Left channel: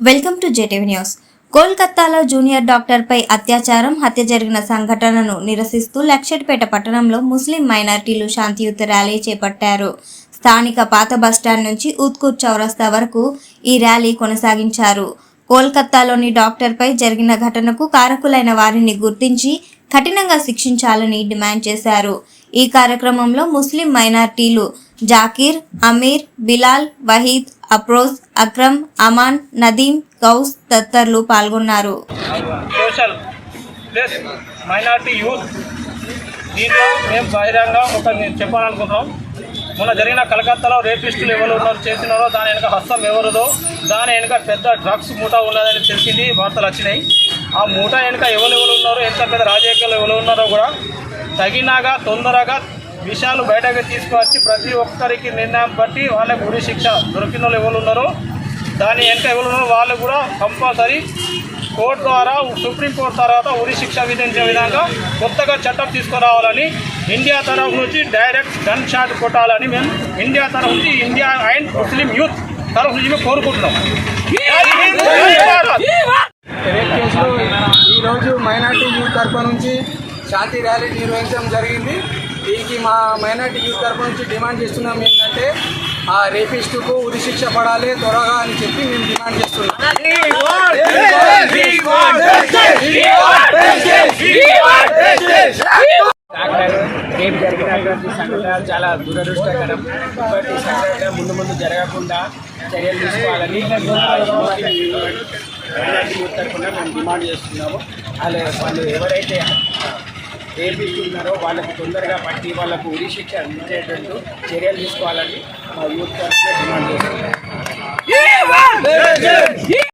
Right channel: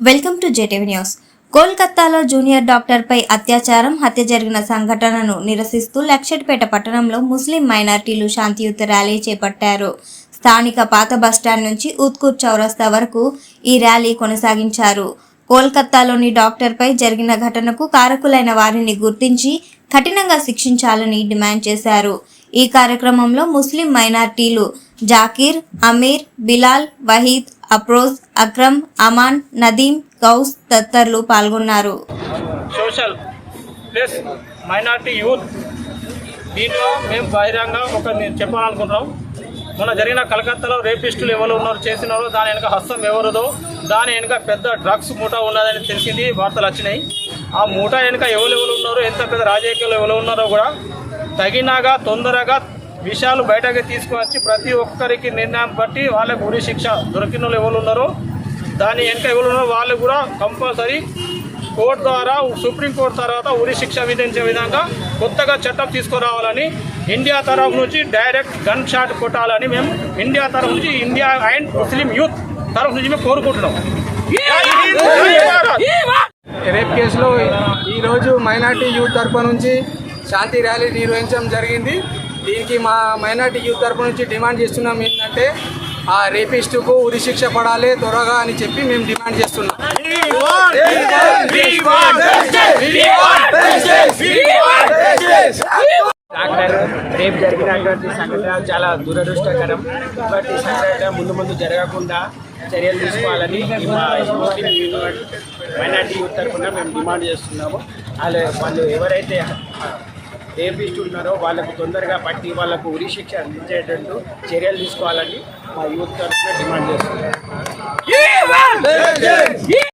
Welcome to JTV news. కోల్కతాలో junior డాక్టర్పై అత్యాచారం హత్య జరిగిన సంఘటనను నిరసిస్తూ లక్షటిపేట పట్టణంలో ముస్లిం మైనార్టీలు శాంతియుత ర్యాలీ చేపట్టారు. స్థానిక పాత బస్టాండ్ నుంచి ఉత్కూర్ చౌరస్తా వరకు ఈ ర్యాలీ కొనసాగించారు. కోల్కతాలోని డాక్టర్పై జరిగిన ఘటనకు కారకులైన వారిని గుర్తించి కఠినంగా శిక్షించాలని డిమాండ్ చేశారు. ఈ కార్యక్రమంలో ముస్లిం మైనార్టీలు జాకీర్ అమీర్ బిలాల్ వహీద్ అప్రోజ్ అక్రమ్ అమాన్ నదీం గౌస్ తదితరులు పాల్గొన్నారు. Social plus minority youth. దీంట్లో మేము బహిరంగ ఒక నేను చెప్పాలనుకుంటున్నాం. మొన్న జరిగిన కలకత్తాలో రేపిస్టులు ఎవరు ఉన్నారు చేసినారో దాని వెనక హస్తం ఎవరుదో దాని వెనుక పెద్ద డ్రగ్స్ మూట ఉన్నదని తెలిసింది వార్తలు వచ్చినాయి. ఆ మూట వెనుక ఎవరు ఎవరు ఉన్నారో ఎంత పెద్ద రాజకీయాలు ఎవరు ఉన్నారో కూడా తగినగా తొందరగా విషయాలు బయటకు తీసుకువచ్చి ప్రతి ఒక్కరికి నిర్ణయం బట్టి వాళ్ళకు ఉరి శిక్ష దొరికిన వాళ్ళు ఎవరు ఉన్నారో దాని ఎంత ఎవరు ఉన్నారో వాళ్ళు కూడా కంపల్సరీ కోర్టు ద్వారా సుప్రీంకోర్టు తర్వాత ఉరి శిక్ష విధించే విధంగా కొత్తగా చట్టం తీసుకురావాలని ఇండియా తరఫు నుంచి డైరెక్ట్ గన్ షాట్ కొట్టాలని మేము ఇండియా తరఫు నుంచి ఇండియా అండ్ ముస్లిం యూత్ తరఫు నుంచి మేము కోరుకుంటున్నాం. రేప్ కేసులో ఈరోజు మైనార్టీ యూత్ తరపు నుంచి శాంతి ర్యాలీ నిర్వహించడం జరిగింది. దీనికి మా మైనార్టీ యూత్ తరపు నుంచి డిమాండ్ చేస్తున్నాం ఏంటంటే ఆ రేపిస్టుకు ఉరి శిక్ష పడాలి త్వరగా అని చెప్పి మేము డిమాండ్ చేస్తున్నాం. రేపు జరిగినటువంటి సంఘటన చాలా దురదృష్టకరం. ఇటువంటి సంఘటన ముందు ముందు జరగకుండా చర్యలు తీసుకోవాలని ముస్లిం మైనార్టీ యూత్ తరఫున మేము డిమాండ్ చేస్తున్నాము. వాళ్ళు వాళ్ళు ఎవరైతే ఏపిస్తున్నారో వాళ్ళకు తొందరగా పట్టి వాళ్ళకు ఉరి శిక్ష అందించేటట్టు చర్యలు తీసుకోవాలని మా యూత్ డిమాండ్ చేస్తున్నారు